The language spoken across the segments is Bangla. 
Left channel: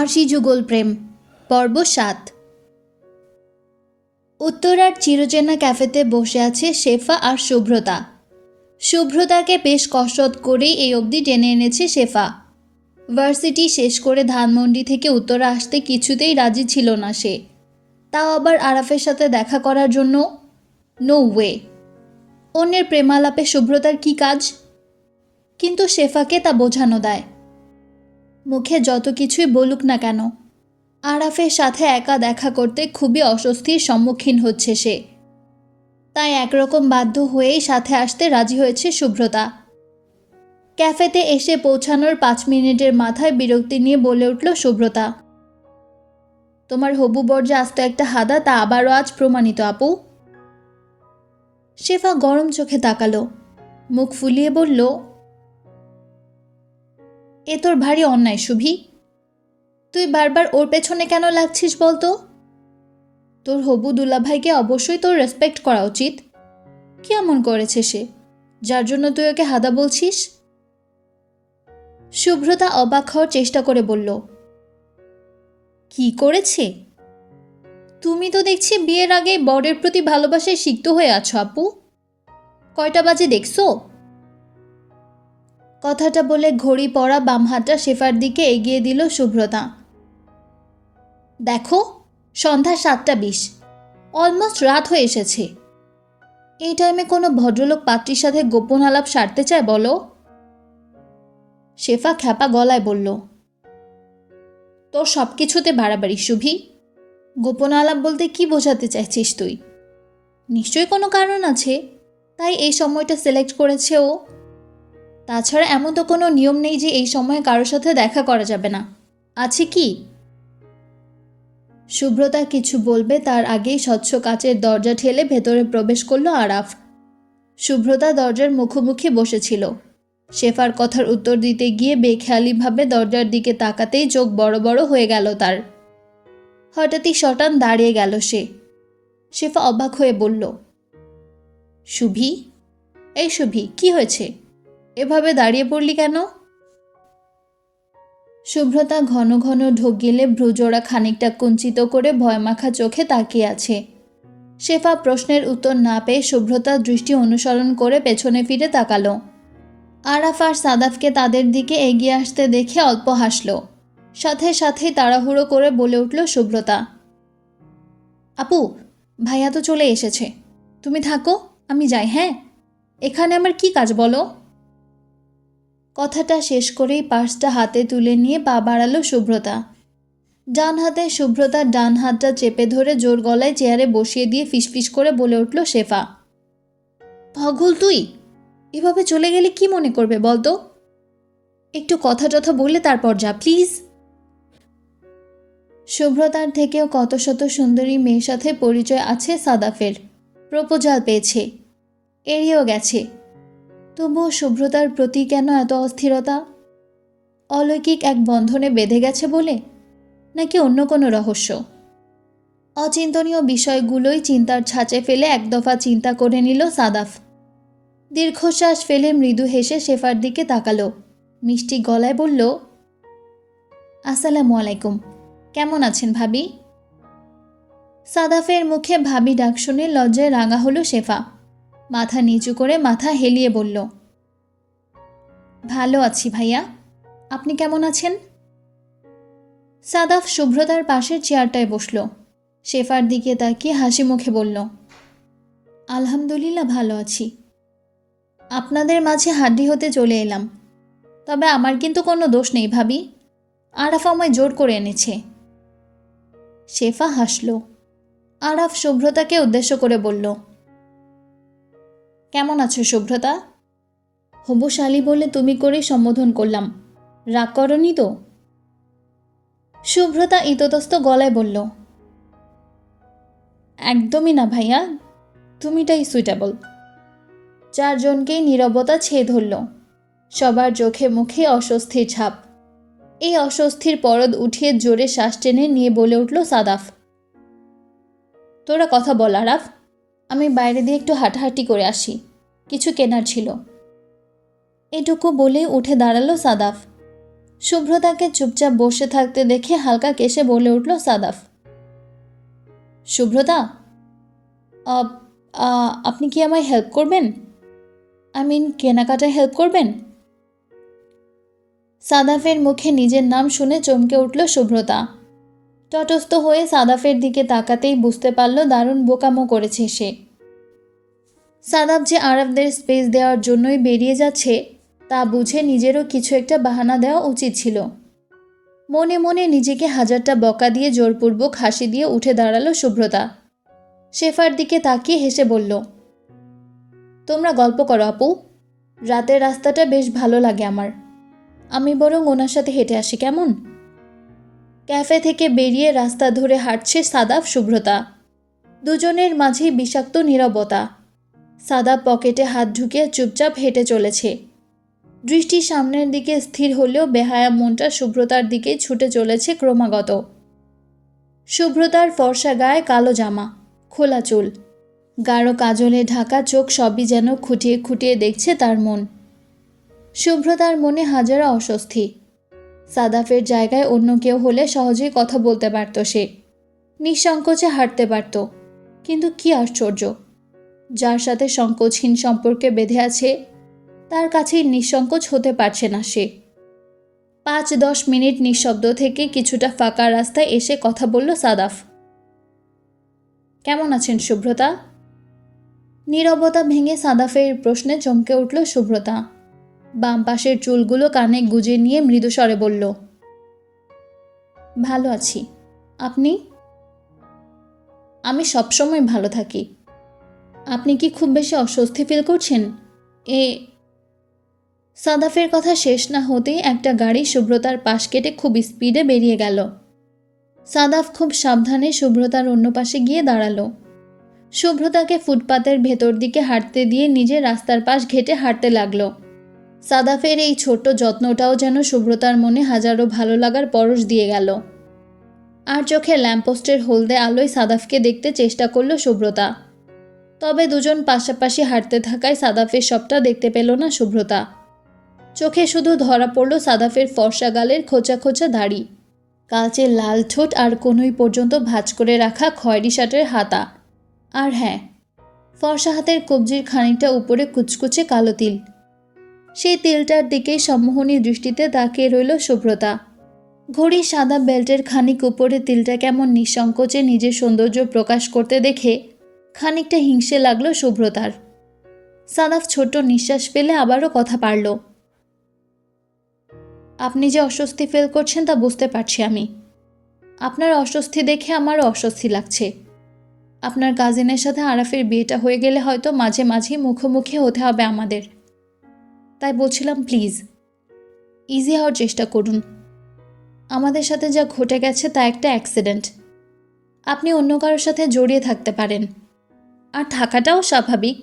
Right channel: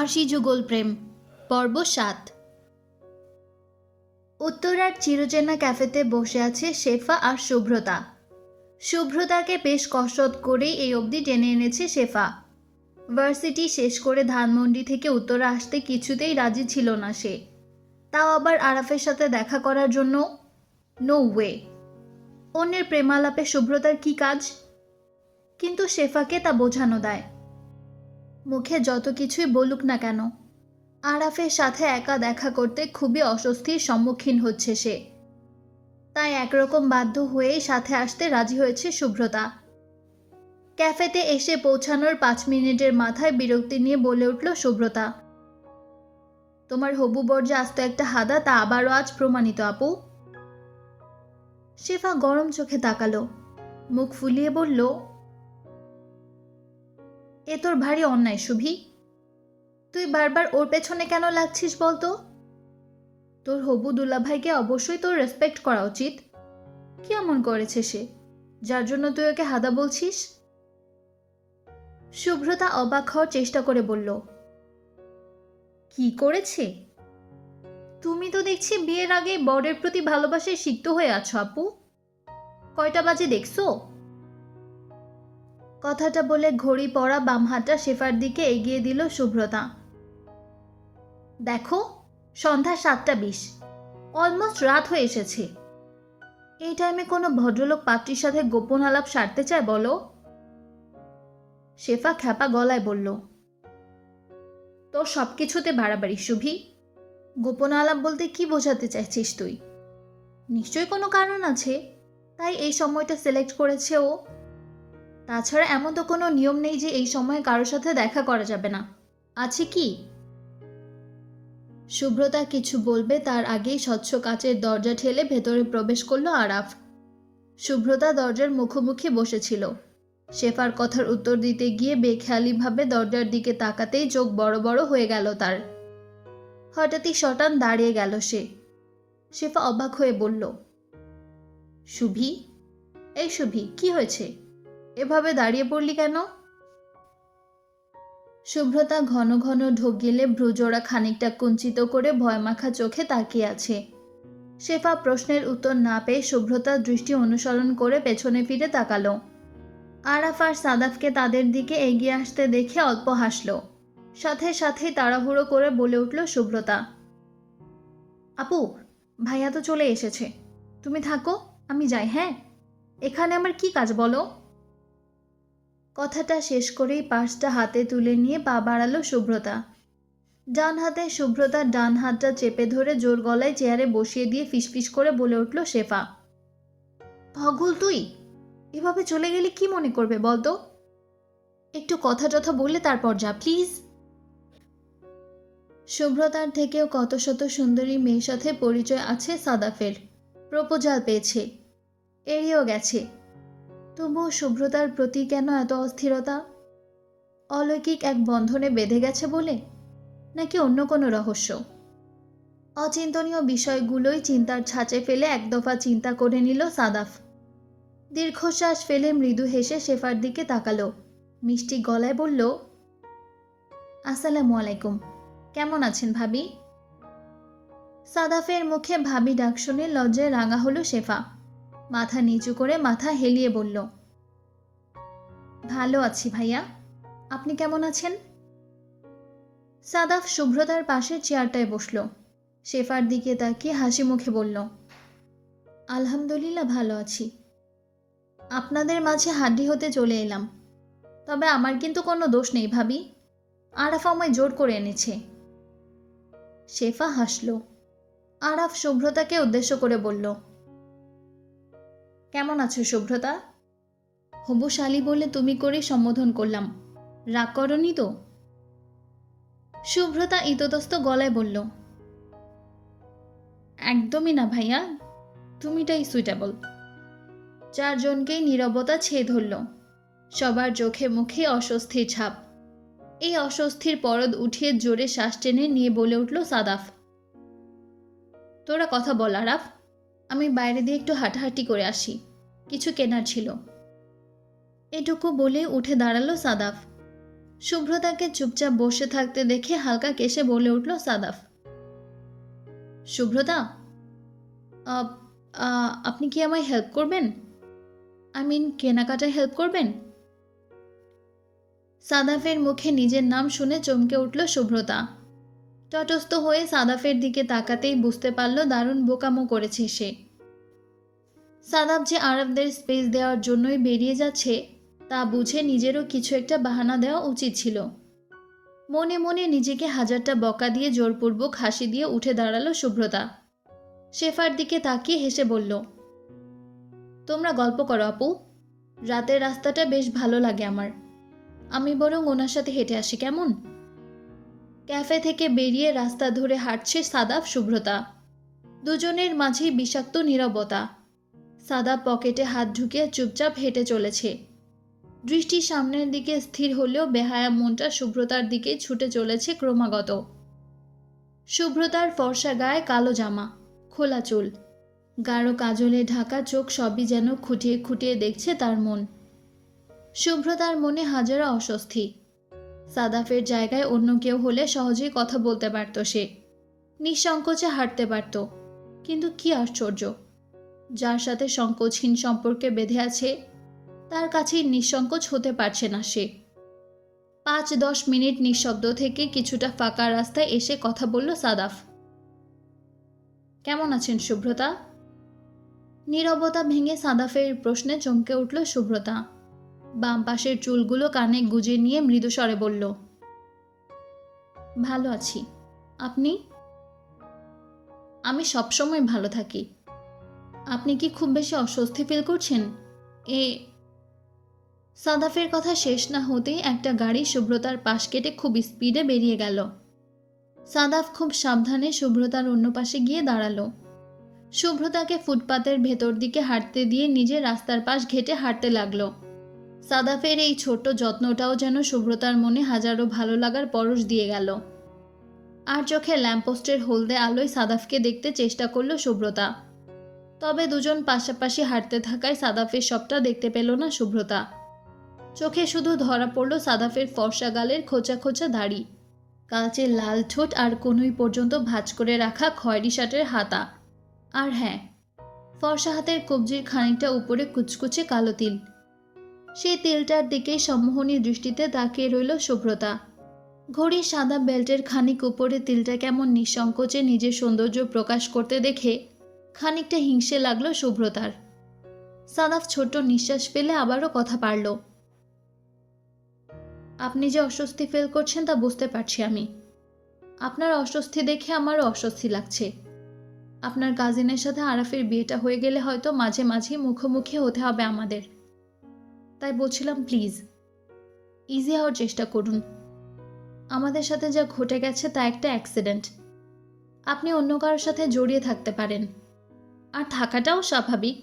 আরশি যুগল প্রেম, পর্ব সাত। উত্তরার চিরচেনা ক্যাফেতে বসে আছে শেফা আর শুভ্রতা শুভ্রতাকে বেশ কসরত করেই এই অবধি টেনে এনেছে শেফা। ভার্সিটি শেষ করে ধানমন্ডি থেকে উত্তরা আসতে কিছুতেই রাজি ছিল না সে। তাও আবার আরাফের সাথে দেখা করার জন্য? নো ওয়ে অন্যের প্রেমালাপে শুভ্রতার কি কাজ? কিন্তু শেফাকে তা বোঝানো দেয়। মুখে যত কিছুই বলুক না কেন, আরাফের সাথে একা দেখা করতে খুবই অস্বস্তির সম্মুখীন হচ্ছে সে। তাই একরকম বাধ্য হয়েই সাথে আসতে রাজি হয়েছে শুভ্রতা ক্যাফেতে এসে পৌঁছানোর পাঁচ মিনিটের মাথায় বিরক্তি নিয়ে বলে উঠল শুভ্রতা তোমার হবু বর্জা আস্ত একটা হাদা, তা আবারও আজ প্রমাণিত, আপু। শেফা গরম চোখে তাকালো, মুখ ফুলিয়ে বলল এ তোর ভারী অন্যায়, শুভি। তুই বারবার ওর পেছনে কেন লাগছিস বলতো? তোর হবু দুলাভাইকে অবশ্যই তোর রেসপেক্ট করা উচিত। কি এমন করেছে সে? যার জন্য তুই ওকে হাদা বলছিস? শুভ্রতা অবাক হওয়ার চেষ্টা করে বলল, কি করেছে? তুমি তো দেখছি বিয়ের আগে বরের প্রতি ভালোবাসায় সিক্ত হয়ে আছো আপু। কয়টা বাজে দেখছ? কথাটা বলে ঘড়ি পড়া বাম হাতটা শেফার দিকে এগিয়ে দিল শুভ্রতা। দেখো, সন্ধ্যা সাতটা বিশ। অলমোস্ট রাত হয়ে এসেছে। এই টাইমে কোনো ভদ্রলোক পাত্রীর সাথে গোপন আলাপ সারতে চায় বলো? শেফা খ্যাপা গলায় বলল, তোর সব কিছুতে বাড়াবাড়ি, শুভি। গোপন আলাপ বলতে কি বোঝাতে চাইছিস তুই? নিশ্চয়ই কোনো কারণ আছে। তাই এই সময়টা সিলেক্ট করেছে ও। তাছাড়া এমন তো কোনো নিয়ম নেই যে এই সময়ে কারোর সাথে দেখা করা যাবে না। আছে কি? শুভ্রতা কিছু বলবে, তার আগেই স্বচ্ছ কাচের দরজা ঠেলে ভেতরে প্রবেশ করল আরাফ। শুভ্রতা দরজার মুখোমুখি বসেছিল। শেফার কথার উত্তর দিতে গিয়ে বেখেয়ালিভাবে দরজার দিকে তাকাতেই চোখ বড় বড় হয়ে গেল তার। হঠাৎই শটান দাঁড়িয়ে গেল সে। শেফা অবাক হয়ে বলল শুভি এই শুভি কি হয়েছে? এভাবে দাঁড়িয়ে পড়লি কেন? শুভ্রতা ঘন ঘন ঢোক গেলে ভ্রুজোড়া খানিকটা কুঞ্চিত করে ভয়মাখা চোখে তাকিয়ে আছে। শেফা প্রশ্নের উত্তর না পেয়ে শুভ্রতার দৃষ্টি অনুসরণ করে পেছনে ফিরে তাকালো। আরাফ আর সাদাফকে তাদের দিকে এগিয়ে আসতে দেখে অল্প হাসল। সাথে সাথে তাড়াহুড়ো করে বলে উঠল শুভ্রতা। আপু, ভাইয়া তো চলে এসেছে। তুমি থাকো, আমি যাই হ্যাঁ? এখানে আমার কি কাজ বলো? কথাটা শেষ করেই পার্সটা হাতে তুলে নিয়ে পা বাড়ালো শুভ্রতা ডান হাতে শুভ্রতার ডান হাতটা চেপে ধরে জোর গলায় চেয়ারে বসিয়ে দিয়ে ফিসফিস করে বলে উঠল, শেফা। পাগল তুই? এভাবে চলে গেলে কি মনে করবে বলতো? একটু কথা টথা বললে তারপর যা, প্লিজ। শুভ্রতার থেকেও কত শত সুন্দরী মেয়ের সাথে পরিচয় আছে সাদাফের। প্রপোজাল পেয়েছে, এড়িয়েও গেছে। তবুও শুভ্রতার প্রতি কেন এত অস্থিরতা? অলৌকিক এক বন্ধনে বেঁধে গেছে বলে? নাকি অন্য কোনো রহস্য? অচিন্তনীয় বিষয়গুলোই চিন্তার ছাঁচে ফেলে এক দফা চিন্তা করে নিল সাদাফ। দীর্ঘশ্বাস ফেলে মৃদু হেসে শেফার দিকে তাকালো। মিষ্টি গলায় বলল, আসসালামু আলাইকুম। কেমন আছেন ভাবি? সাদাফের মুখে ভাবি ডাক শুনে লজ্জায় রাঙা হলো শেফা। মাথা নিচু করে মাথা হেলিয়ে বলল, ভালো আছি ভাইয়া। আপনি কেমন আছেন? সাদাফ শুভ্রতার পাশের চেয়ারটায় বসল। শেফার দিকে তাকিয়ে হাসি মুখে বলল, আলহামদুলিল্লাহ, ভালো আছি। আপনাদের মাঝে হাড্ডি হতে চলে এলাম। তবে আমার কিন্তু কোনো দোষ নেই ভাবি। আরাফ আমায় জোর করে এনেছে। শেফা হাসল। আরাফ শুভ্রতাকে উদ্দেশ্য করে বলল কেমন আছো শুভ্রতা হবু বলে তুমি করে সম্বোধন করলাম। রাগ করনি তো? শুভ্রতা ইততস্ত গলায় বলল, একদমই না ভাইয়া, তুমিটাই সুইটেবল চারজনকেই নীরবতা ছেয়ে ধরল। সবার চোখে মুখে অস্বস্তির ছাপ। এই অস্বস্তির পরদ উঠিয়ে জোরে শ্বাস টেনে নিয়ে বলে উঠল সাদাফ, তোরা কথা বল আরাফ আমি বাইরে দিয়ে একটু হাঁটাহাঁটি করে আসি। কিছু কেনার ছিল। এটুকু বলে উঠে দাঁড়াল সাদাফ। শুভ্রতাকে চুপচাপ বসে থাকতে দেখে হালকা কেসে বলে উঠল সাদাফ। শুভ্রতা? আপ- আপনি কি আমায় হেল্প করবেন? আই মিন কেনাকাটায় হেল্প করবেন? সাদাফের মুখে নিজের নাম শুনে চমকে উঠল শুভ্রতা। তটস্থ হয়ে সাদাফের দিকে তাকাতেই বুঝতে পারল দারুণ বোকামো করেছে সে। সাদাফ যে আরবদের স্পেস দেওয়ার জন্যই বেরিয়ে যাচ্ছে, তা বুঝে নিজেরও কিছু একটা বাহানা দেওয়া উচিত ছিল। মনে মনে নিজেকে হাজারটা বকা দিয়ে জোরপূর্বক হাসি দিয়ে উঠে দাঁড়াল শুভ্রতা শেফার দিকে তাকিয়ে হেসে বলল, তোমরা গল্প করো আপু। রাতের রাস্তাটা বেশ ভালো লাগে আমার। আমি বরং ওনার সাথে হেঁটে আসি, কেমন? ক্যাফে থেকে বেরিয়ে রাস্তা ধরে হাঁটছে সাদাফ শুভ্রতা। দুজনের মাঝেই বিষাক্ত নীরবতা। সাদা পকেটে হাত ঢুকিয়ে চুপচাপ হেঁটে চলেছে। দৃষ্টি সামনের দিকে স্থির হলেও বেহায়া মনটা শুভ্রতার দিকে ছুটে চলেছে ক্রমাগত। শুভ্রতার ফর্সা গায়ে কালো জামা, খোলা চুল। গাঢ় কাজলে ঢাকা চোখ সবই যেন খুঁটিয়ে খুঁটিয়ে দেখছে তার মন। শুভ্রতার মনে হাজারা অস্বস্তি। সাদাফের জায়গায় অন্য কেউ হলে সহজেই কথা বলতে পারত সে। নিঃসংকোচে হাঁটতে পারত। কিন্তু কি আশ্চর্য! যার সাথে সংকোচহীন সম্পর্কে বেঁধে আছে, তার কাছেই নিঃসংকোচ হতে পারছে না সে। পাঁচ দশ মিনিট নিঃশব্দ থেকে কিছুটা ফাঁকা রাস্তায় এসে কথা বলল সাদাফ। কেমন আছেন শুভ্রতা নীরবতা ভেঙে সাদাফের প্রশ্নে চমকে উঠল শুভ্রতা বাম পাশের চুলগুলো কানে গুজে নিয়ে মৃদু স্বরে বলল, ভালো আছি। আপনি? আমি সবসময় ভালো থাকি। আপনি কি খুব বেশি অস্বস্তি ফিল করছেন? এ, সাদাফের কথা শেষ না হতেই একটা গাড়ি শুভ্রতার পাশ কেটে খুব স্পিডে বেরিয়ে গেল। সাদাফ খুব সাবধানে শুভ্রতার অন্য পাশে গিয়ে দাঁড়াল। শুভ্রতাকে ফুটপাতের ভেতর দিকে হাঁটতে দিয়ে নিজে রাস্তার পাশ ঘেটে হাঁটতে লাগল। সাদাফের এই ছোট্ট যত্নটাও যেন শুভ্রতার মনে হাজারো ভালো লাগার পরশ দিয়ে গেল। আর চোখে ল্যাম্পপোস্টের হলদে আলোয় সাদাফকে দেখতে চেষ্টা করল শুভ্রতা তবে দুজন পাশাপাশি হাঁটতে থাকায় সাদাফের সবটা দেখতে পেল না শুভ্রতা চোখে শুধু ধরা পড়ল সাদাফের ফর্সা গালের খোঁচা খোঁচা দাড়ি। কালচে লাল ঠোঁট আর কোনোই পর্যন্ত ভাঁজ করে রাখা খয়েরি শার্টের হাতা। আর হ্যাঁ ফর্সা হাতের কবজির খানিকটা উপরে কুচকুচে কালো তিল। সেই তিলটার দিকেই সম্মোহনী দৃষ্টিতে তাকিয়ে রইল শুভ্রতা ঘড়ির সাদা বেল্টের খানিক উপরে তিলটা কেমন নিঃসংকোচে নিজের সৌন্দর্য প্রকাশ করতে দেখে খানিকটা হিংসে লাগল শুভ্রতার সাদাফ ছোট্ট নিঃশ্বাস ফেলে আবারও কথা পারল। আপনি যে অস্বস্তি ফেল করছেন তা বুঝতে পারছি আমি। আপনার অস্বস্তি দেখে আমারও অস্বস্তি লাগছে। আপনার কাজিনের সাথে আরাফের বিয়েটা হয়ে গেলে হয়তো মাঝে মাঝেই মুখোমুখি হতে হবে আমাদের। তাই বলছিলাম, প্লিজ ইজি হওয়ার চেষ্টা করুন। আমাদের সাথে যা ঘটে গেছে তা একটা অ্যাক্সিডেন্ট আপনি অন্য কারোর সাথে জড়িয়ে থাকতে পারেন। আর থাকাটাও স্বাভাবিক।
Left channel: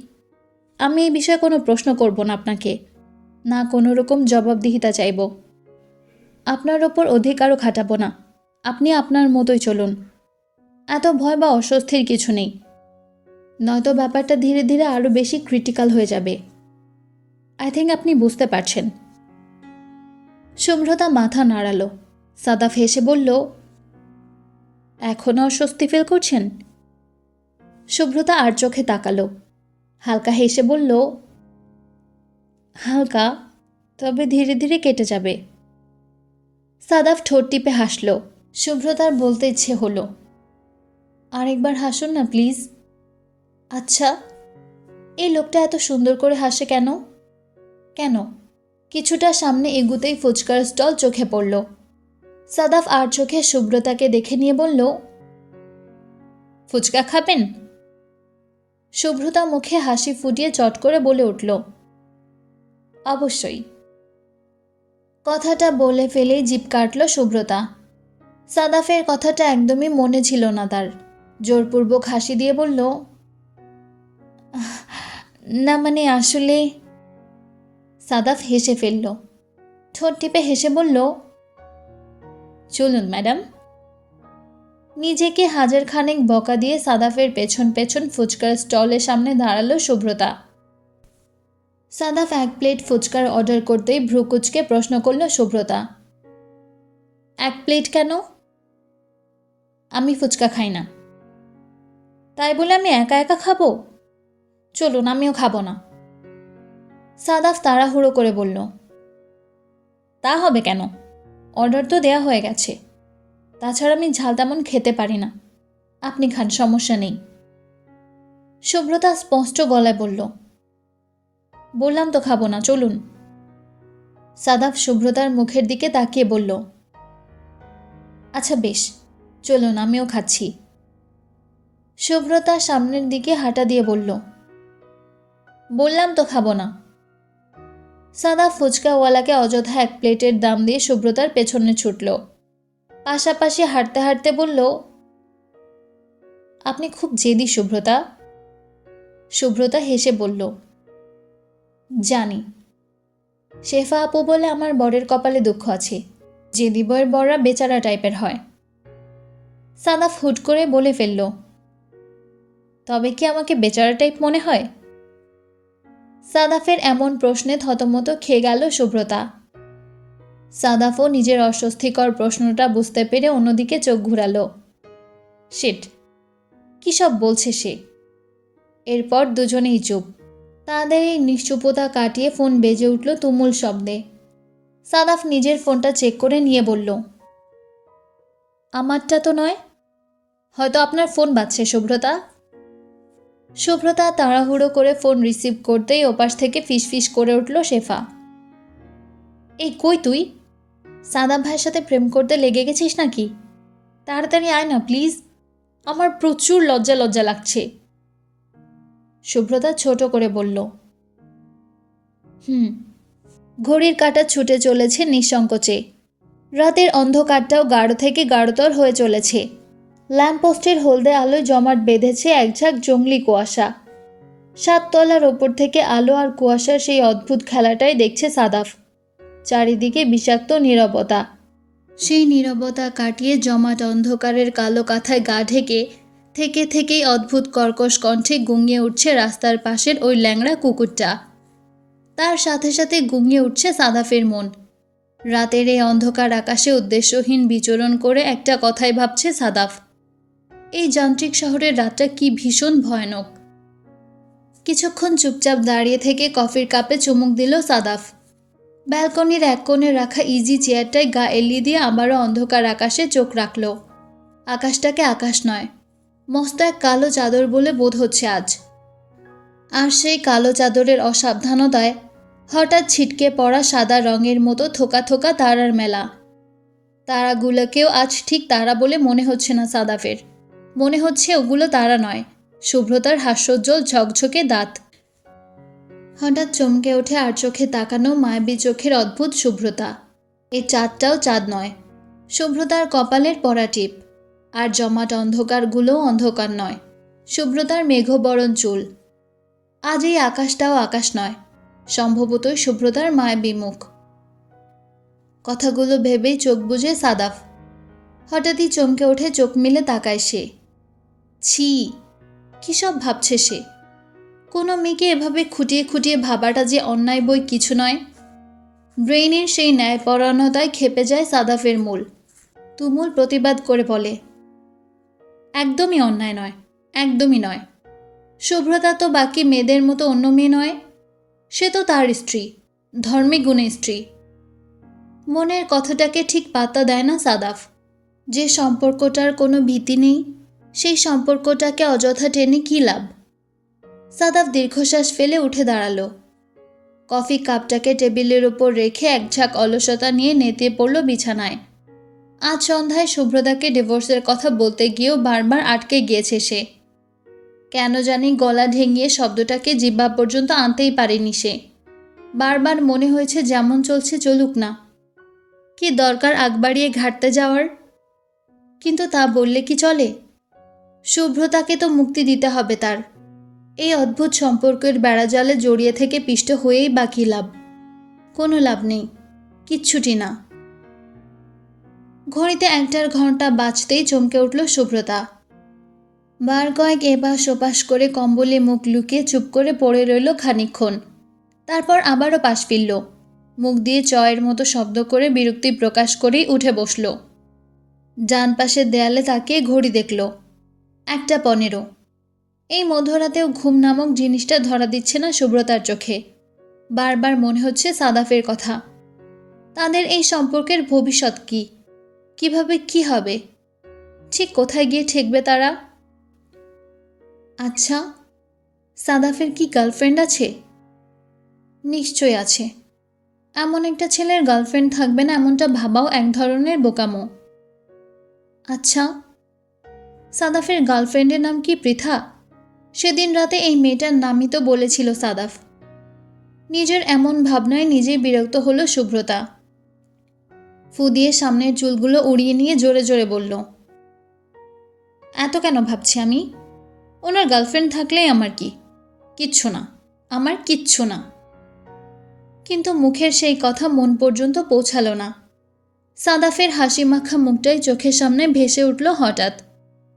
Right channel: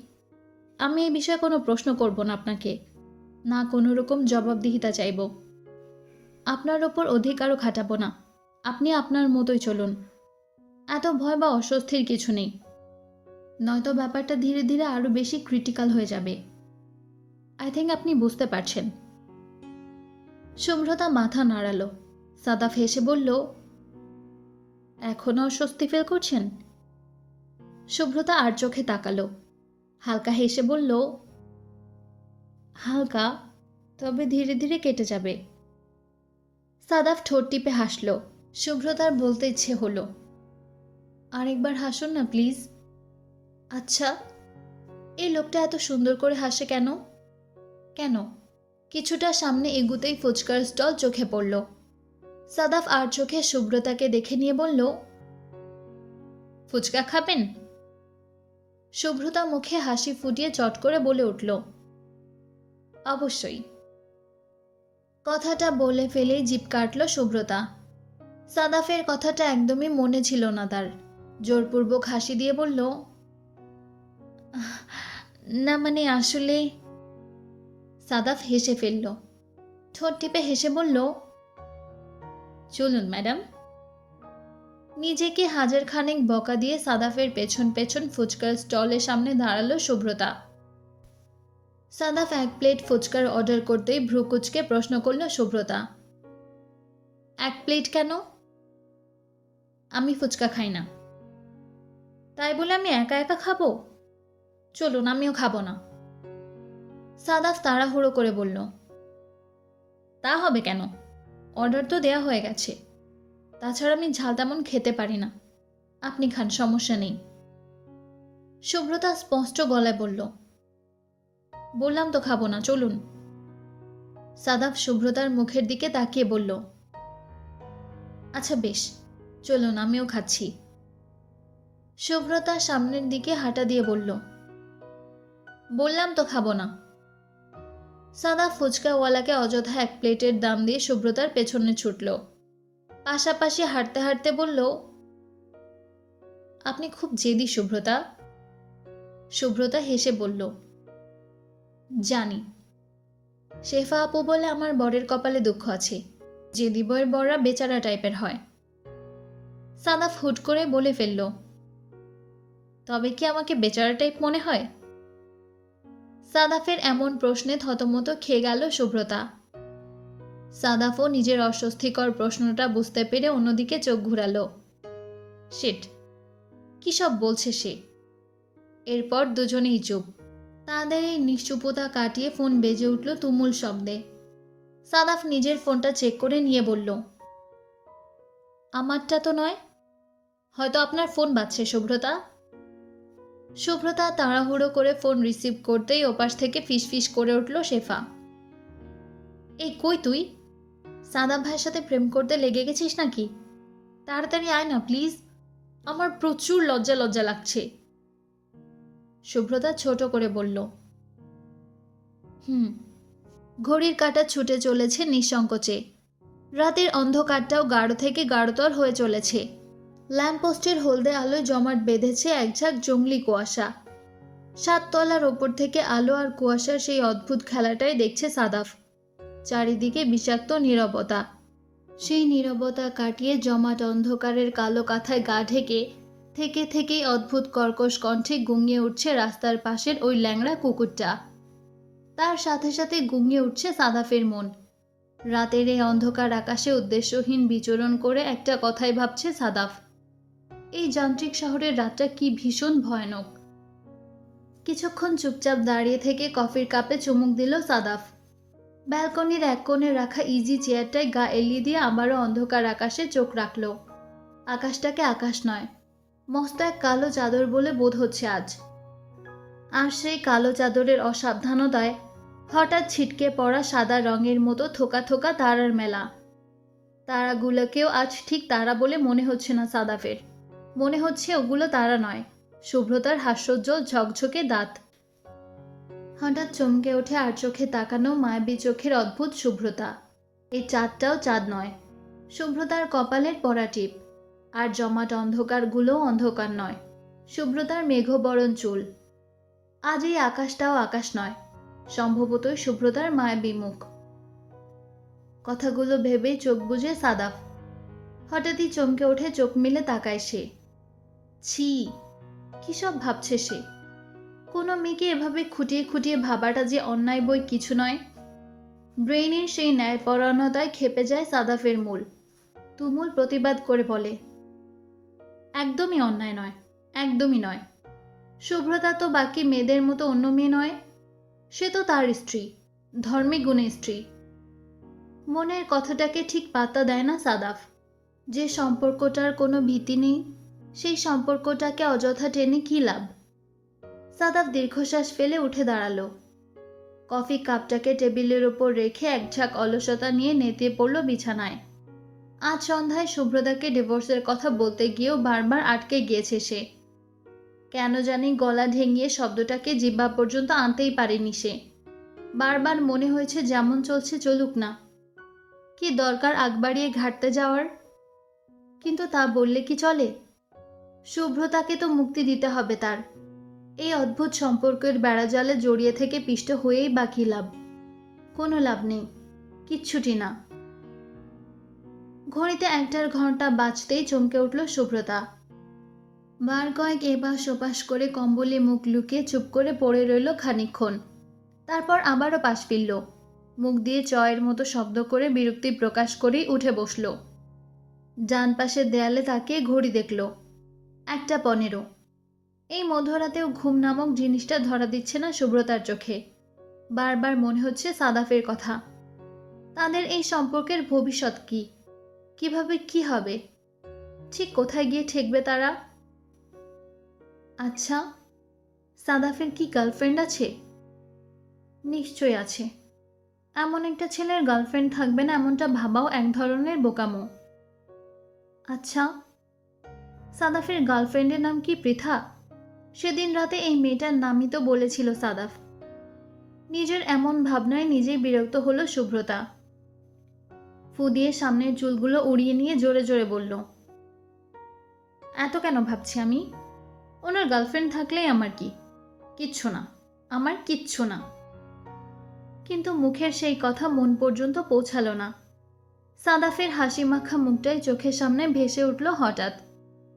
আমি এই বিষয়ে কোনো প্রশ্ন করব না আপনাকে। না কোনো রকম জবাবদিহিতা চাইব। আপনার ওপর অধিকারও খাটাবো না। আপনি আপনার মতোই চলুন। এত ভয় বা অস্বস্তির কিছু নেই। নয়তো ব্যাপারটা ধীরে ধীরে আরও বেশি ক্রিটিক্যাল হয়ে যাবে। আই থিঙ্ক আপনি বুঝতে পারছেন। শুভ্রতা মাথা নাড়ালো। সাদাফ হেসে বলল এখনও অস্বস্তি ফিল করছেন? শুভ্রতা আর চোখে তাকালো। হালকা হেসে বলল, হালকা, তবে ধীরে ধীরে কেটে যাবে। সাদাফ ঠোঁট টিপে হাসল। শুভ্রতার বলতে ইচ্ছে হলো, আরেকবার হাসুন না প্লিজ আচ্ছা এই লোকটা এত সুন্দর করে হাসে কেন? কেন? কিছুটা সামনে এগুতেই ফুচকার স্টল চোখে পড়ল। সাদাফ আর চোখে শুভ্রতাকে দেখে নিয়ে বলল, ফুচকা খাবেন? শুভ্রতা মুখে হাসি ফুটিয়ে চট করে বলে উঠল, অবশ্যই। কথাটা বলে ফেলেই জিপ কাটল শুভ্রতা সাদাফের কথাটা একদমই মনে ছিল না তার। জোরপূর্বক হাসি দিয়ে বলল না মানে আসলে সাদাফ হেসে ফেলল। ঠোঁট টিপে হেসে বলল, চলুন, ম্যাডাম। নিজেকে হাজার খানেক বকা দিয়ে সাদাফের পেছন পেছন ফুচকার স্টলের সামনে দাঁড়াল শুভ্রতা সাদাফ এক প্লেট ফুচকার অর্ডার করতেই ভ্রুকুচকে প্রশ্ন করল শুভ্রতা এক প্লেট কেন? আমি ফুচকা খাই না। তাই বলে আমি একা একা খাব? চলুন, আমিও খাব না। সাদাফ তাড়াহুড়ো করে বলল, তা হবে কেন? অর্ডার তো দেয়া হয়ে গেছে। তাছাড়া আমি ঝাল তেমন খেতে পারি না। আপনি খান, সমস্যা নেই। শুভ্রতা স্পষ্ট গলায় বলল, বললাম তো খাব না, চলুন। সাদাফ শুভ্রতার মুখের দিকে তাকিয়ে বলল আচ্ছা বেশ, চলুন, আমিও খাচ্ছি। শুভ্রতা সামনের দিকে হাঁটা দিয়ে বলল, বললাম তো খাব না। সাদা ফুচকাওয়ালাকে অযথা এক প্লেটের দাম দিয়ে শুভ্রতার পেছনে ছুটল। পাশাপাশি হাঁটতে হাঁটতে বলল, আপনি খুব জেদি শুভ্রতা শুভ্রতা হেসে বলল, জানি। শেফা আপু বলে আমার বরের কপালে দুঃখ আছে। জেদি বয়ের বররা বেচারা টাইপের হয়। সাদা ফুট করে বলে ফেলল, তবে কি আমাকে বেচারা টাইপ মনে হয়? সাদাফের এমন প্রশ্নে থতমত খেয়ে গেল শুভ্রতা সাদাফও নিজের অস্বস্তিকর প্রশ্নটা বুঝতে পেরে অন্যদিকে চোখ ঘুরালো। শিট, কী সব বলছে সে? এরপর দুজনেই চুপ। তাদের এই নিশ্চুপতা কাটিয়ে ফোন বেজে উঠল তুমুল শব্দে। সাদাফ নিজের ফোনটা চেক করে নিয়ে বলল, আমারটা তো নয়। হয়তো আপনার ফোন বাজছে শুভ্রতা শুভ্রতা তাড়াহুড়ো করে ফোন রিসিভ করতেই ওপাশ থেকে ফিসফিস করে উঠল শেফা। এই, কই তুই? সাদাম ভাইয়ের সাথে প্রেম করতে লেগে গেছিস নাকি? তাড়াতাড়ি আয় না, প্লিজ। আমার প্রচুর লজ্জা লজ্জা লাগছে। শুভ্রতা ছোট করে বলল, হুম, ঘড়ির কাঁটা ছুটে চলেছে নিঃসংকোচে। রাতের অন্ধকারটাও গাঢ় থেকে গাঢ়তর হয়ে চলেছে। ল্যাম্পপোস্টের হলদে আলোয় জমাট বেঁধেছে একঝাঁক জঙ্গলি কুয়াশা। সাততলার ওপর থেকে আলো আর কুয়াশার সেই অদ্ভুত খেলাটাই দেখছে সাদাফ। চারিদিকে বিষাক্ত নীরবতা। সেই নীরবতা কাটিয়ে জমাট অন্ধকারের কালো কাঁথায় গা ঢেকে থেকে থেকেই অদ্ভুত কর্কশ কণ্ঠে গুঙিয়ে উঠছে রাস্তার পাশের ওই ল্যাংড়া কুকুরটা। তার সাথে সাথে গুঙিয়ে উঠছে সাদাফের মন। রাতের এই অন্ধকার আকাশে উদ্দেশ্যহীন বিচরণ করে একটা কথাই ভাবছে সাদাফ। এই যান্ত্রিক শহরের রাতটা কি ভীষণ ভয়ানক। কিছুক্ষণ চুপচাপ দাঁড়িয়ে থেকে কফির কাপে চুমুক দিল সাদাফ। ব্যালকনির এক কোণে রাখা ইজি চেয়ারটায় গা এলিয়ে দিয়ে আবারও অন্ধকার আকাশে চোখ রাখল। আকাশটাকে আকাশ নয়, মস্ত এক কালো চাদর বলে বোধ হচ্ছে আজ। আর সেই কালো চাদরের অসাবধানতায় হঠাৎ ছিটকে পড়া সাদা রঙের মতো থোকা থোকা তারার মেলা। তারাগুলোকেও আজ ঠিক তারা বলে মনে হচ্ছে না সাদাফের। মনে হচ্ছে ওগুলো তারা নয়। শুভ্রতার হাস্যোজ্জ্বল ঝকঝকে দাঁত। হঠাৎ চমকে ওঠে আর চোখে তাকানো মায়াবী চোখের অদ্ভুত শুভ্রতা। এই চাঁদটাও চাঁদ নয়। শুভ্রতার কপালের পরা টিপ। আর জমাট অন্ধকারগুলোও অন্ধকার নয়। শুভ্রতার মেঘবরণ চুল। আজ এই আকাশটাও আকাশ নয়। সম্ভবতই শুভ্রতার মায়াবী মুখ। কথাগুলো ভেবেই চোখ বুঝে সাদাফ। হঠাৎই চমকে ওঠে চোখ মিলে তাকায় সে। ছি, কী সব ভাবছে সে? কোনো মেয়েকে এভাবে খুঁটিয়ে খুঁটিয়ে ভাবাটা যে অন্যায় বই কিছু নয়। ব্রেইনের সেই ন্যায়পরায়ণতায় খেপে যায় সাদাফের মূল। তুমুল প্রতিবাদ করে বলে, একদমই অন্যায় নয়, একদমই নয়। শুভ্রতা তো বাকি মেয়েদের মতো অন্য মেয়ে নয়। সে তো তার স্ত্রী, ধর্মে গুণে স্ত্রী। মনের কথাটাকে ঠিক পাত্তা দেয় না সাদাফ। যে সম্পর্কটার কোনো ভীতি নেই সেই সম্পর্কটাকে অযথা টেনে কী লাভ? সাদাফ দীর্ঘশ্বাস ফেলে উঠে দাঁড়াল। কফি কাপটাকে টেবিলের ওপর রেখে এক ঝাঁক অলসতা নিয়ে নেতিয়ে পড়ল বিছানায়। আজ সন্ধ্যায় শুভ্রতাকে ডিভোর্সের কথা বলতে গিয়েও বারবার আটকে গিয়েছে সে। কেন জানি গলা ঢেঙিয়ে শব্দটাকে জিব্বা পর্যন্ত আনতেই পারেনি সে। বারবার মনে হয়েছে যেমন চলছে চলুক না। কি দরকার আগ বাড়িয়ে ঘাটতে যাওয়ার? কিন্তু তা বললে কি চলে? শুভ্রতাকে তো মুক্তি দিতে হবে তার। এই অদ্ভুত সম্পর্কের বেড়াজালে জড়িয়ে থেকে পিষ্ট হয়েই বাকি লাভ। কোনো লাভ নেই, কিচ্ছুটি না। ঘড়িতে একটার ঘণ্টা বাঁচতেই চমকে উঠল শুভ্রতা। বার কয়েক এপাশ ওপাশ করে কম্বলে মুখ লুকিয়ে চুপ করে পড়ে রইল খানিকক্ষণ। তারপর আবারও পাশ ফিরল। মুখ দিয়ে চয়ের মতো শব্দ করে বিরক্তি প্রকাশ করেই উঠে বসল। ডান পাশের দেয়ালে তাকিয়ে ঘড়ি দেখল। একটা পনেরো। এই মধ্যরাতেও ঘুম নামক জিনিসটা ধরা দিচ্ছে না সুব্রতার চোখে। বারবার মনে হচ্ছে সাদাফের কথা। তাদের এই সম্পর্কের ভবিষ্যৎ কি? কীভাবে কি হবে? ঠিক কোথায় গিয়ে ঠেকবে তারা? আচ্ছা সাদাফের কি গার্লফ্রেন্ড আছে? নিশ্চয় আছে। এমন একটা ছেলের গার্লফ্রেন্ড থাকবে না এমনটা ভাবাও এক ধরনের বোকামো। আচ্ছা সাদাফের গার্লফ্রেন্ডের নাম কি পৃথা? সেদিন রাতে এই মেয়েটার নামই তো বলেছিল সাদাফ। নিজের এমন ভাবনায় নিজেই বিরক্ত হলো শুভ্রতা ফু দিয়ে সামনের চুলগুলো উড়িয়ে নিয়ে জোরে জোরে বলল, এত কেন ভাবছি আমি? ওনার গার্লফ্রেন্ড থাকলেই আমার কি? কিচ্ছু না, আমার কিচ্ছু না। কিন্তু মুখের সেই কথা মন পর্যন্ত পৌঁছালো না। সাদাফের হাসি মাখা মুখটাই চোখের সামনে ভেসে উঠল হঠাৎ।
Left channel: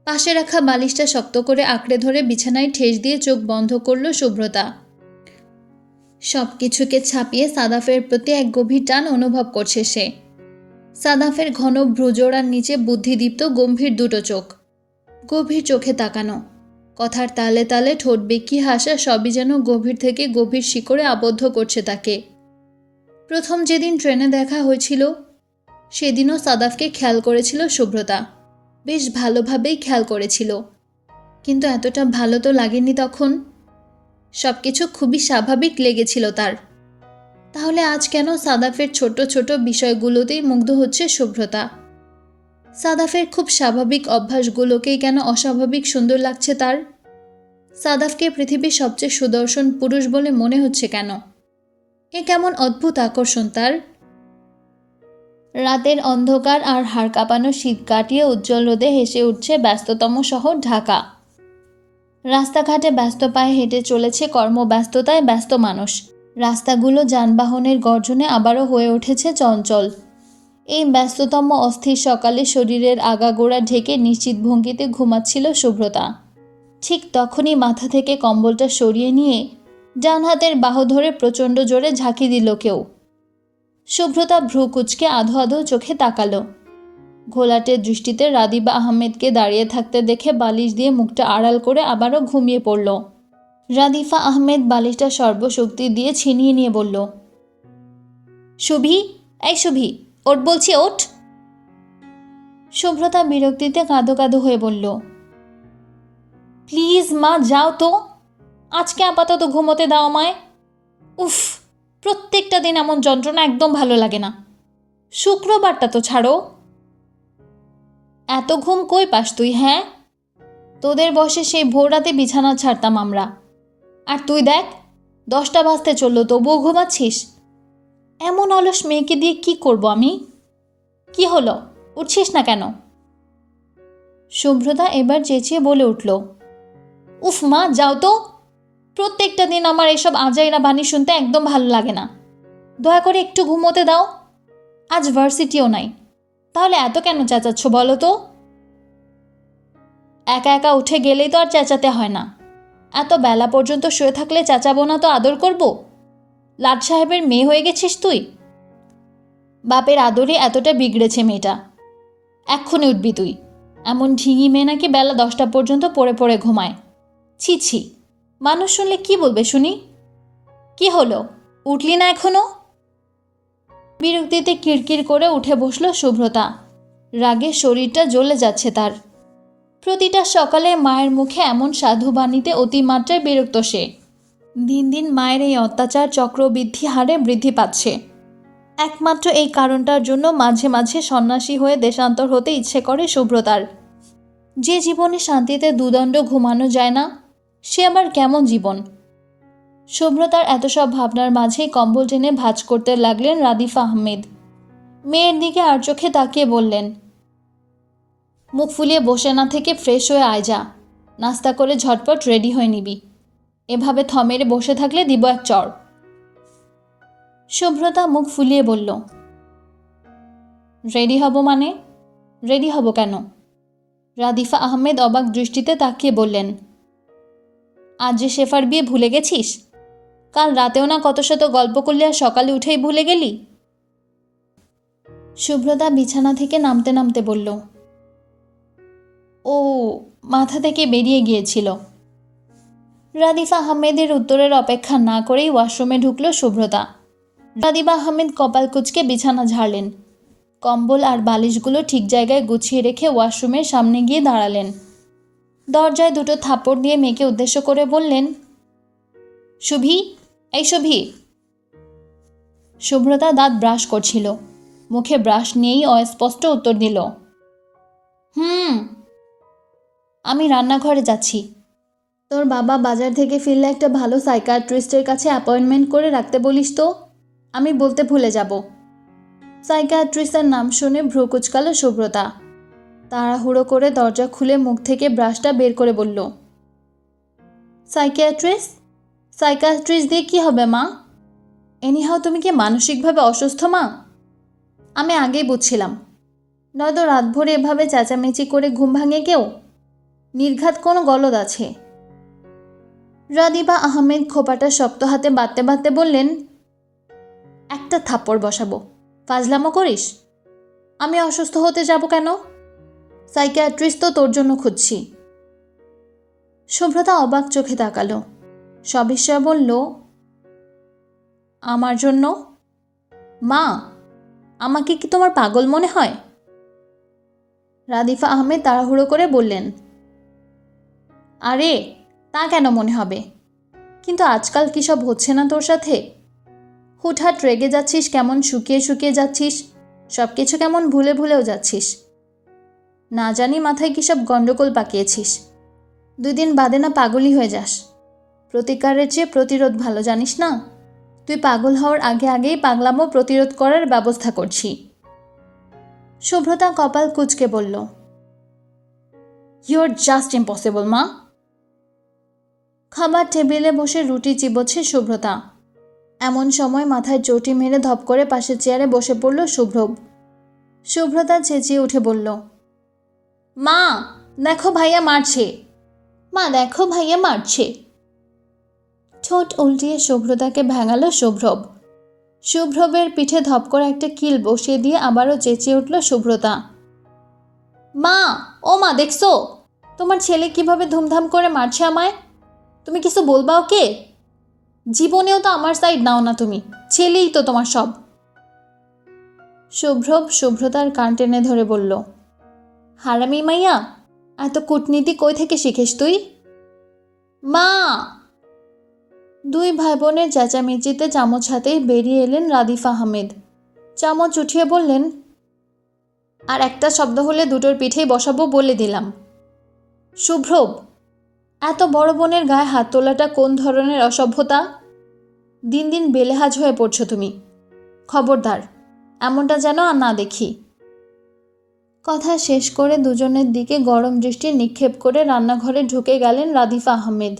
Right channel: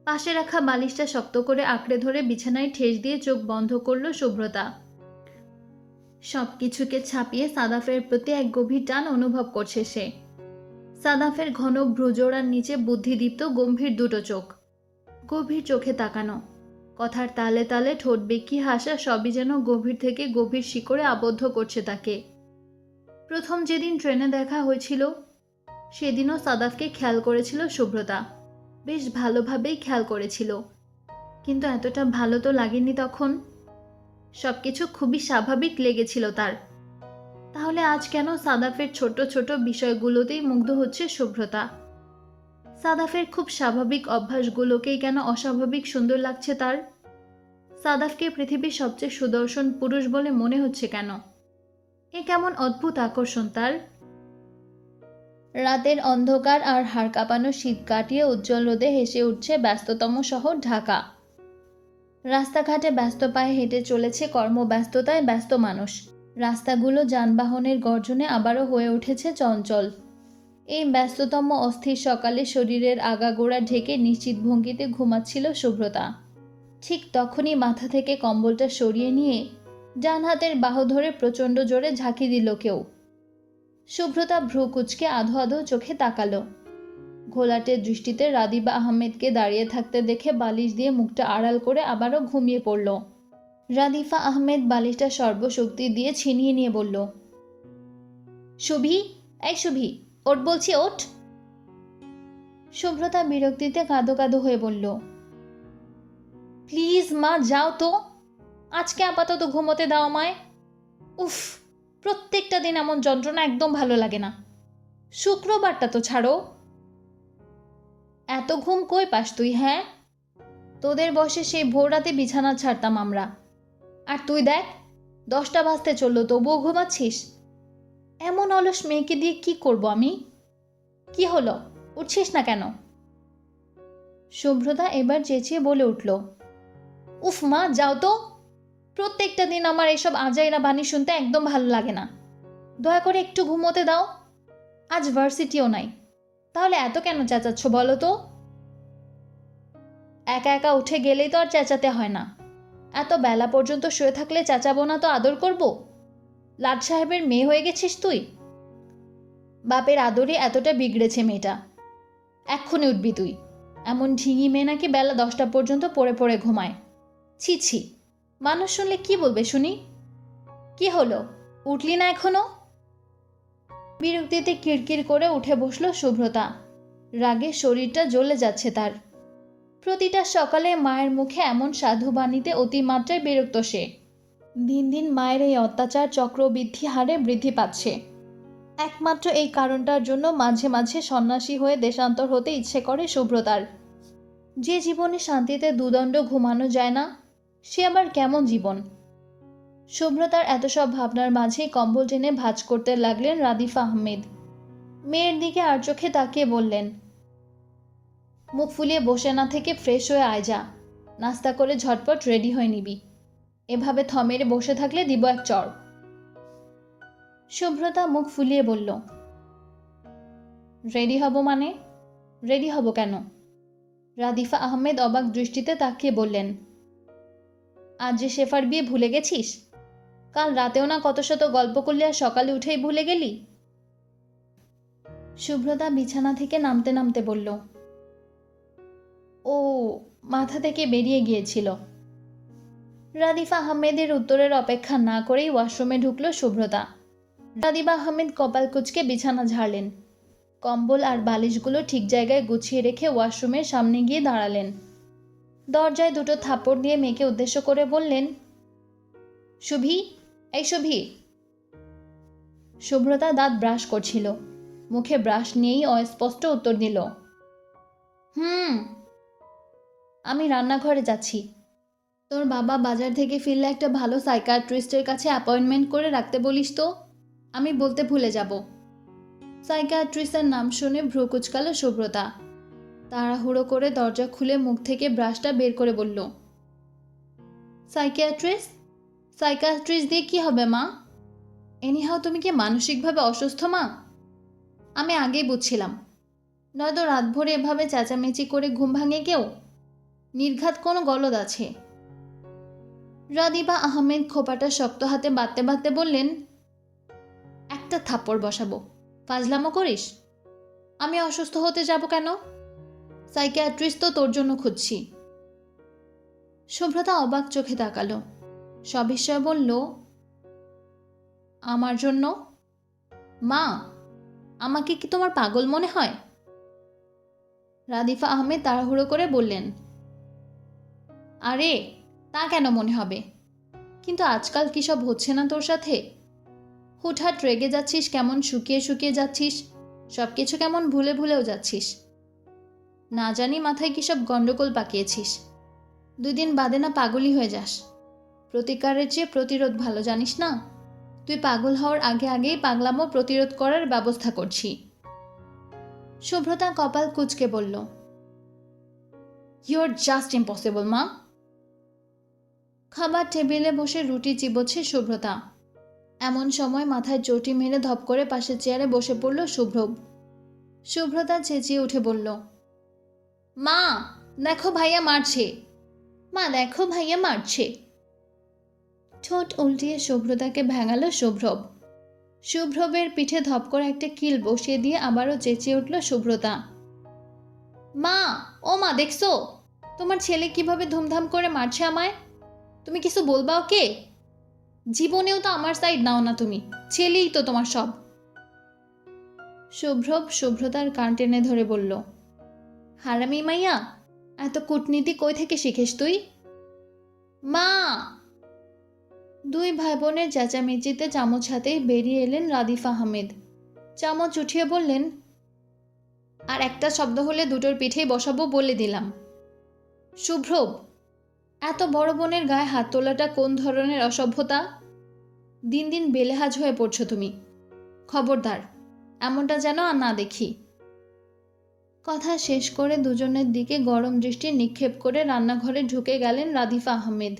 পাশে রাখা বালিশটা শক্ত করে আঁকড়ে ধরে বিছানায় ঠেস দিয়ে চোখ বন্ধ করল শুভ্রতা সব কিছুকে ছাপিয়ে সাদাফের প্রতি এক গভীর টান অনুভব করছে সে। সাদাফের ঘন ভ্রুজোড়ার নিচে বুদ্ধিদীপ্ত গম্ভীর দুটো চোখ। গভীর চোখে তাকানো। কথার তালে তালে ঠোঁট বেঁকি হাসা সবই যেন গভীর থেকে গভীর শিকড়ে আবদ্ধ করছে তাকে। প্রথম যেদিন ট্রেনে দেখা হয়েছিল, সেদিনও সাদাফকে খেয়াল করেছিল শুভ্রতা বেশ ভালোভাবেই খেয়াল করেছিল। কিন্তু এতটা ভালো তো লাগেনি তখন। সব কিছু খুবই স্বাভাবিক লেগেছিল তার। তাহলে আজ কেন সাদাফের ছোট ছোট বিষয়গুলোতেই মুগ্ধ হচ্ছে শুভ্রতা সাদাফের খুব স্বাভাবিক অভ্যাসগুলোকেই কেন অস্বাভাবিক সুন্দর লাগছে তার? সাদাফকে পৃথিবীর সবচেয়ে সুদর্শন পুরুষ বলে মনে হচ্ছে কেন? এ কেমন অদ্ভুত আকর্ষণ তার। রাতের অন্ধকার আর হাড় কাঁপানো শীত কাটিয়ে উজ্জ্বল রোদে হেসে উঠছে ব্যস্ততম শহর ঢাকা। রাস্তাঘাটে ব্যস্ত পায়ে হেঁটে চলেছে কর্মব্যস্ততায় ব্যস্ত মানুষ। রাস্তাগুলো যানবাহনের গর্জনে আবারও হয়ে উঠেছে চঞ্চল। এই ব্যস্ততম অস্থির সকালে শরীরের আগাগোড়া ঢেকে নিশ্চিত ভঙ্গিতে ঘুমাচ্ছিল শুভ্রতা ঠিক তখনই মাথা থেকে কম্বলটা সরিয়ে নিয়ে ডান হাতের বাহু ধরে প্রচণ্ড জোরে ঝাঁকি দিল কেউ। শুভ্রতা ভ্রু কুচকে আধো আধো চোখে তাকালো। ঘোলাটের দৃষ্টিতে রাদিবা আহমেদকে দাঁড়িয়ে থাকতে দেখে বালিশ দিয়ে মুখটা আড়াল করে আবারও ঘুমিয়ে পড়ল। রাদিফা আহমেদ বালিশটা সর্বশক্তি দিয়ে ছিনিয়ে নিয়ে বলল শুভি এই শুভি ওট বলছি ওঠ। শুভ্রতা বিরক্তিতে কাঁদো কাঁদো হয়ে বলল, প্লিজ মা, যাও তো। আজকে আপাতত ঘুমোতে দাও আমায়। উফ প্রত্যেকটা দিন এমন যন্ত্রণা একদম ভালো লাগে না। শুক্রবারটা তো ছাড়ো। এত ঘুম কই পাস তুই হ্যাঁ? তোদের বসে সেই ভোর রাতে বিছানা ছাড়তাম আমরা। আর তুই দেখ, দশটা বাজতে চলল, তবুও ঘুমাচ্ছিস? এমন অলস মেয়েকে দিয়ে কি করব আমি? কি হলো? উঠছিস না কেন? শুভ্রতা এবার চেঁচিয়ে বলে উঠল, উফ মা, যাও তো। প্রত্যেকটা দিন আমার এসব আজাইরা বাণী শুনতে একদম ভালো লাগে না। দয়া করে একটু ঘুমোতে দাও। আজ ভার্সিটিও নাই। তাহলে এত কেন চেঁচাচ্ছ বলো তো? একা একা উঠে গেলেই তো আর চেঁচাতে হয় না। এত বেলা পর্যন্ত শুয়ে থাকলে চেঁচাবো না তো আদর করব? লাট সাহেবের মেয়ে হয়ে গেছিস তুই? বাপের আদরে এতটা বিগড়েছে মেয়েটা। এক্ষুনি উঠবি তুই। এমন ঢিঙি মেয়ে নাকি বেলা দশটা পর্যন্ত পড়ে পড়ে ঘুমায়। ছি ছি। মানুষ শুনলে কি বলবে শুনি? কি হলো? উঠলি না এখনও? বিরক্তিতে কিরকির করে উঠে বসল শুভ্রতা। রাগে শরীরটা জ্বলে যাচ্ছে তার। প্রতিটা সকালে মায়ের মুখে এমন সাধু বাণীতে অতিমাত্রায় বিরক্ত সে। দিন দিন মায়ের এই অত্যাচার চক্রবৃদ্ধি হারে বৃদ্ধি পাচ্ছে। একমাত্র এই কারণটার জন্য মাঝে মাঝে সন্ন্যাসী হয়ে দেশান্তর হতে ইচ্ছে করে শুভ্রতার। যে জীবনে শান্তিতে দুদণ্ড ঘুমানো যায় না সে আবার কেমন জীবন? শুভ্রতার এত সব ভাবনার মাঝেই কম্বল টেনে ভাজ করতে লাগলেন রাদিফা আহমেদ। মেয়ের দিকে আর চোখে তাকিয়ে বললেন, মুখ ফুলিয়ে বসে না থেকে ফ্রেশ হয়ে আয় যা। নাস্তা করে ঝটপট রেডি হয়ে নিবি। এভাবে থমেরে বসে থাকলে দিব এক চর শুভ্রতা মুখ ফুলিয়ে বলল, রেডি হব মানে? রেডি হব কেন? রাদিফা আহমেদ অবাক দৃষ্টিতে তাকিয়ে বললেন আজ যে শেফার বিয়ে ভুলে গেছিস? কাল রাতেও না কত শত গল্প করলি আর সকালে উঠেই ভুলে গেলি? শুভ্রতা বিছানা থেকে নামতে নামতে বলল, ও, মাথা থেকে বেরিয়ে গিয়েছিল। রাদিফা আহমেদের উত্তরের অপেক্ষা না করেই ওয়াশরুমে ঢুকল শুভ্রতা রাদিফা আহমেদ কপাল কুচকে বিছানা ঝাড়লেন। কম্বল আর বালিশগুলো ঠিক জায়গায় গুছিয়ে রেখে ওয়াশরুমের সামনে গিয়ে দাঁড়ালেন। দরজায় দুটো থাপড় দিয়ে মেয়েকে উদ্দেশ্য করে বললেন শুভি এই শুভি শুভ্রতা দাঁত ব্রাশ করছিল। মুখে ব্রাশ নিয়েই অস্পষ্ট উত্তর দিল, হুম, আমি রান্নাঘরে যাচ্ছি। তোর বাবা বাজার থেকে ফিরলে একটা ভালো সাইকাট্রিস্টের কাছে অ্যাপয়েন্টমেন্ট করে রাখতে বলিস তো? আমি বলতে ভুলে যাব। সাইকাট্রিস্টের নাম শুনে ভ্রু কুচকালো শুভ্রতা তাড়াহুড়ো করে দরজা খুলে মুখ থেকে ব্রাশটা বের করে বলল সাইকিয়াট্রিস্ট সাইকিয়াট্রিস্ট দিয়ে কি হবে, মা? এনিহাও তুমি কি মানসিকভাবে অসুস্থ, মা? আমি আগেই বুঝছিলাম। নয়তো রাত ভরে এভাবে চেঁচামেচি করে ঘুম ভাঙে কেউ? নির্ঘাত কোনো গলদ আছে? রাদিবা আহমেদ খোপাটা শক্ত হাতে বাঁধতে বাঁধতে বললেন, একটা থাপ্পড় বসাবো। ফাজলামো করিস? আমি অসুস্থ হতে যাব কেন? সাইকিয়াট্রিস্ট তো তোর জন্য খুঁজছি। শুভ্রতা অবাক চোখে তাকালো। সবিস্ময় বলল, আমার জন্য? মা, আমাকে কি তোমার পাগল মনে হয়? রাদিফা আহমেদ তাড়াহুড়ো করে বললেন, আরে, তা কেন মনে হবে? কিন্তু আজকাল কি সব হচ্ছে না তোর সাথে? হুটহাট রেগে যাচ্ছিস, কেমন শুকিয়ে শুকিয়ে যাচ্ছিস সব কিছু কেমন ভুলে ভুলেও যাচ্ছিস। না জানি মাথায় কী সব গণ্ডগোল পাকিয়েছিস। দুই দিন বাদে না পাগলই হয়ে যাস। প্রতিকারের চেয়ে প্রতিরোধ ভালো, জানিস না? তুই পাগল হওয়ার আগে আগেই পাগলামো প্রতিরোধ করার ব্যবস্থা করছি। শুভ্রতা কপাল কুচকে বলল ইউর জাস্ট ইম্পসিবল মা। খাবার টেবিলে বসে রুটি চিবোচ্ছে শুভ্রতা এমন সময় মাথায় চটি মেরে ধপ করে পাশের চেয়ারে বসে পড়ল শুভ্রব শুভ্রতা চেঁচিয়ে উঠে বলল মা, দেখো ভাইয়া মারছে। মা, দেখো ভাইয়া মারছে। ঠোঁট উল্টিয়ে শুভ্রতাকে ভেঙালো শুভ্রব। শুভ্রবের পিঠে ধপ করে একটা কিল বসিয়ে দিয়ে আবারও চেঁচিয়ে উঠল শুভ্রতা। মা, ও মা, দেখছ? তোমার ছেলে কীভাবে ধুমধাম করে মারছে আমায়? তুমি কিছু বলবা ওকে? জীবনেও তো আমার সাইড নাও না তুমি, ছেলেই তো তোমার সব। শুভ্রব শুভ্রতার কান টেনে ধরে বলল হারামি মাইয়া, এত কূটনীতি কই থেকে শিখিস তুই? মা! দুই ভাই বোনের চেঁচামেচিতে চামচ হাতেই বেরিয়ে এলেন রাদিফ আহমেদ চামচ উঠিয়ে বললেন, আর একটা শব্দ হলে দুটোর পিঠেই বসাবো বলে দিলাম। শুভ্রব এত বড় বোনের গায়ে হাত তোলাটা কোন ধরনের অসভ্যতা? দিন দিন বেলেহাজ হয়ে পড়ছো তুমি। খবরদার, এমনটা যেন আর না দেখি। কথা শেষ করে দুজনের দিকে গরম দৃষ্টি নিক্ষেপ করে রান্নাঘরে ঢুকে গেলেন রাদিফা আহমেদ।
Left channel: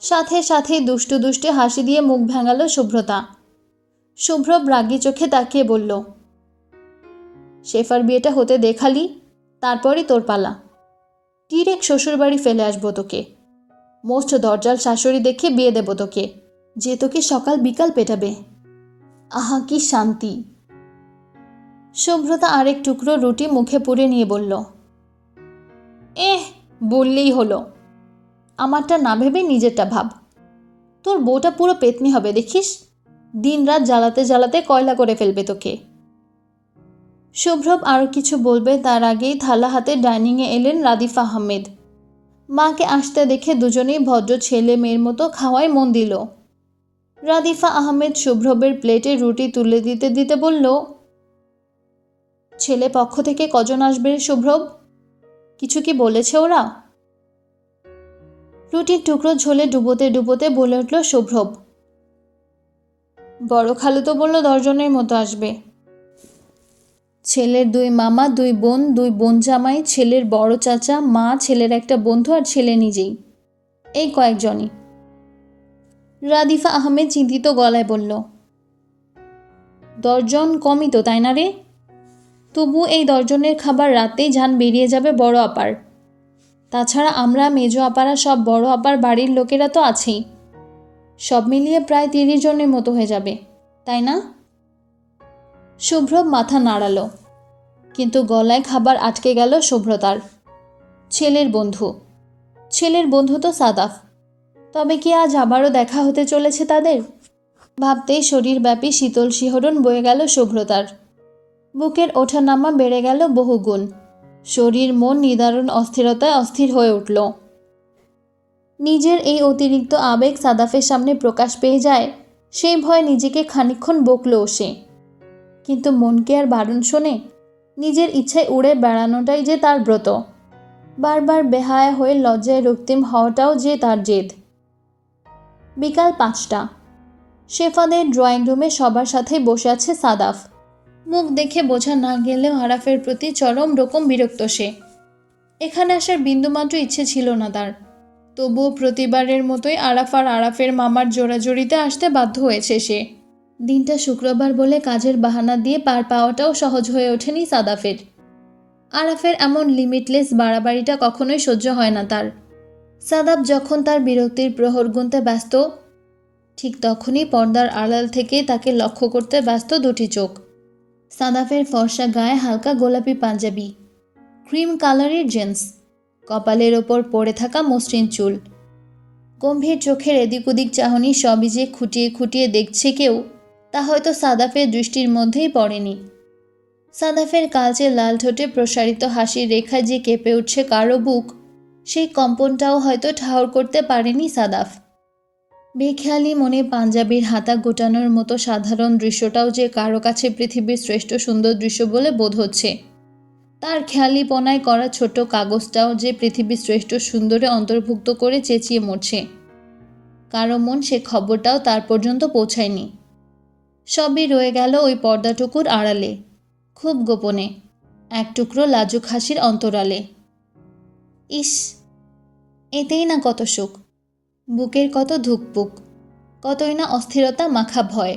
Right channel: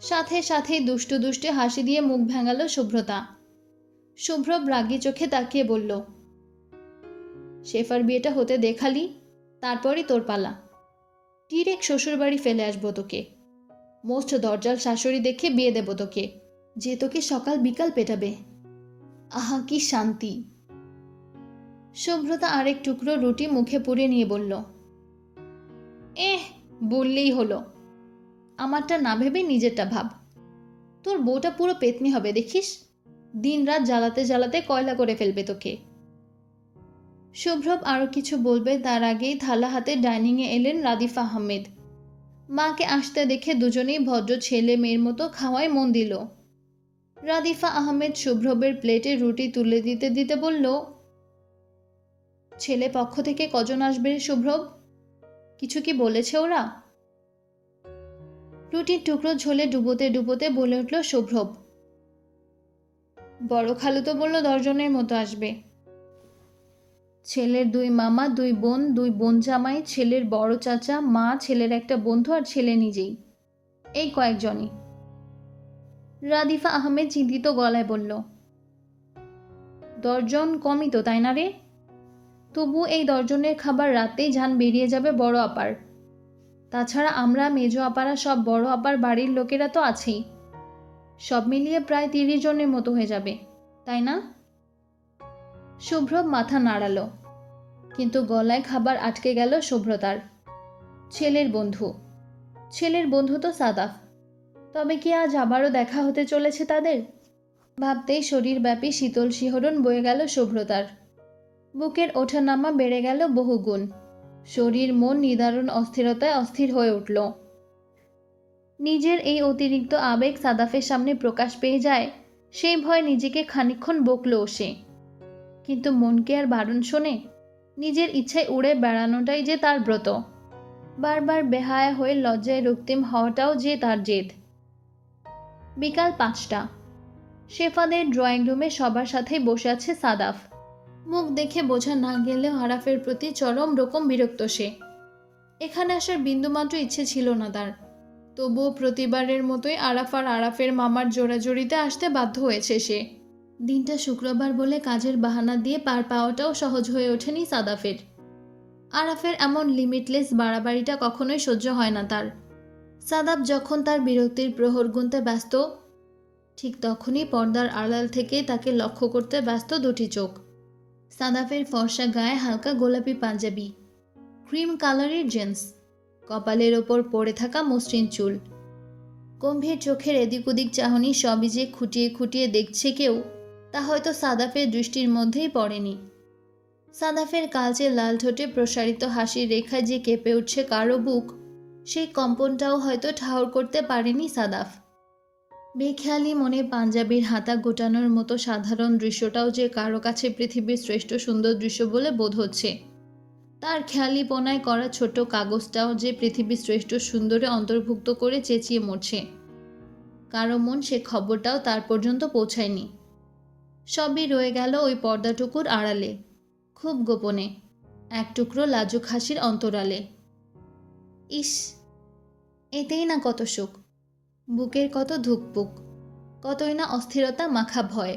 সাথে সাথেই দুষ্টু দুষ্টু হাসি দিয়ে মুখ ভেঙালো শুভ্রতা শুভ্র রাগি চোখে তাকিয়ে বলল, শেফার বিয়েটা হতে দেখালি, তারপরই তোর পালা। ডিরেক্ট শ্বশুরবাড়ি ফেলে আসব তোকে। মোস্ট দরজাল শাশুড়ি দেখে বিয়ে দেবো তোকে, যে তোকে সকাল বিকাল পেটাবে। আহা, কি শান্তি! শুভ্রতা আরেক টুকরো রুটি মুখে পুড়ে নিয়ে বলল, এহ, বললেই হলো। আমারটা না ভেবে নিজেরটা ভাব। তোর বউটা পুরো পেতনি হবে, দেখিস? দিন রাত জ্বালাতে জ্বালাতে কয়লা করে ফেলবে তোকে। শুভ্রব আরও কিছু বলবে, তার আগেই থালা হাতে ডাইনিংয়ে এলেন রাদিফা আহমেদ। মাকে আসতে দেখে দুজনেই ভদ্র ছেলে মেয়ের মতো খাওয়ায় মন দিল। রাদিফা আহমেদ শুভ্রবের প্লেটে রুটি তুলে দিতে দিতে বলল ছেলে পক্ষ থেকে কজন আসবে শুভ্রব কিছু কি বলেছে ওরা? রুটির টুকরো ঝোলে ডুবোতে ডুবোতে বলে উঠল শুভ্রব বড় খালু তো বলল দশজনের মতো আসবে। ছেলের দুই মামা, দুই বোন দুই বোন জামাই, ছেলের বড় চাচা, মা, ছেলের একটা বন্ধু আর ছেলে নিজেই। এই কয়েকজনই। রাদিফা আহমেদ চিন্তিত গলায় বলল, দশজন কমই তো, তাই না রে? তবু এই দশজনের খাবার রাতেই ঝান বেরিয়ে যাবে বড় আপার। তাছাড়া আমরা, মেজো আপারা, সব বড় আপার বাড়ির লোকেরা তো আছেই। সব মিলিয়ে প্রায় তিরিশ জনের মতো হয়ে যাবে, তাই না? শুভ্র মাথা নাড়ালো, কিন্তু গলায় খাবার আটকে গেল শুভ্রতার ছেলের বন্ধু ছেলের বন্ধু তো সাদাফ, তবে কি আজ আবারও দেখা হতে চলেছে তাদের? ভাবতেই শরীরব্যাপী শীতল শিহরণ বয়ে গেল শুভ্রতার বুকের ওঠানামা বেড়ে গেল বহুগুণ। শরীর, মন নিদারুণ অস্থিরতায় অস্থির হয়ে উঠল। নিজের এই অতিরিক্ত আবেগ সাদাফের সামনে প্রকাশ পেয়ে যায়, সেই ভয়ে নিজেকে খানিকক্ষণ বকলো সে। কিন্তু মনকে আর বারণ শোনে, নিজের ইচ্ছায় উড়ে বেড়ানোটাই যে তার ব্রত। বারবার বেহায়া হয়ে লজ্জায় রক্তিম হওয়াটাও যে তার জেদ। বিকাল পাঁচটা। শেফাদের ড্রয়িং রুমে সবার সাথে বসে আছে সাদাফ। মুখ দেখে বোঝা না গেলেও আরাফের প্রতি চরম রকম বিরক্ত সে। এখানে আসার বিন্দুমাত্র ইচ্ছে ছিল না তার। তবুও প্রতিবারের মতোই আরাফ আর আরাফের মামার জোড়াজড়িতে আসতে বাধ্য হয়েছে সে। দিনটা শুক্রবার বলে কাজের বাহানা দিয়ে পার পাওয়াটাও সহজ হয়ে ওঠেনি সাদাফের। আরাফের এমন লিমিটলেস বাড়াবাড়িটা কখনোই সহ্য হয় না তার। সাদাব যখন তার বিরক্তির প্রহর গুনতে ব্যস্ত, ঠিক তখনই পর্দার আড়াল থেকে তাকে লক্ষ্য করতে ব্যস্ত দুটি চোখ। সাদাফের ফর্সা গায়ে হালকা গোলাপি পাঞ্জাবি, ক্রিম কালারের জেন্স, কপালের ওপর পড়ে থাকা মসৃণ চুল। গম্ভীর চোখের এদিক ওদিক চাহনি সবই যে খুঁটিয়ে খুঁটিয়ে দেখছে কেউ, তা হয়তো সাদাফের দৃষ্টির মধ্যেই পড়েনি। সাদাফের কালচে লাল ঠোঁটে প্রসারিত হাসির রেখায় যে কেঁপে উঠছে কারও বুক, সেই কম্পনটাও হয়তো ঠাহর করতে পারেনি সাদাফ। বেখেয়ালি মনে পাঞ্জাবির হাতা গোটানোর মতো সাধারণ দৃশ্যটাও যে কারও কাছে পৃথিবীর শ্রেষ্ঠ সুন্দর দৃশ্য বলে বোধ হচ্ছে। তার খেয়ালিপনায় করা ছোট কাগজটাও যে পৃথিবীর শ্রেষ্ঠ সুন্দরে অন্তর্ভুক্ত করে চেঁচিয়ে মরছে। কারও মন সে খবরটাও তার পর্যন্ত পৌঁছায়নি। সবই রয়ে গেল ওই পর্দাটুকুর আড়ালে, খুব গোপনে, এক টুকরো লাজুক হাসির অন্তরালে। ইস, এতেই না কত সুখ। বুকের কত ধুকপুক কতই না অস্থিরতা মাখা ভয়।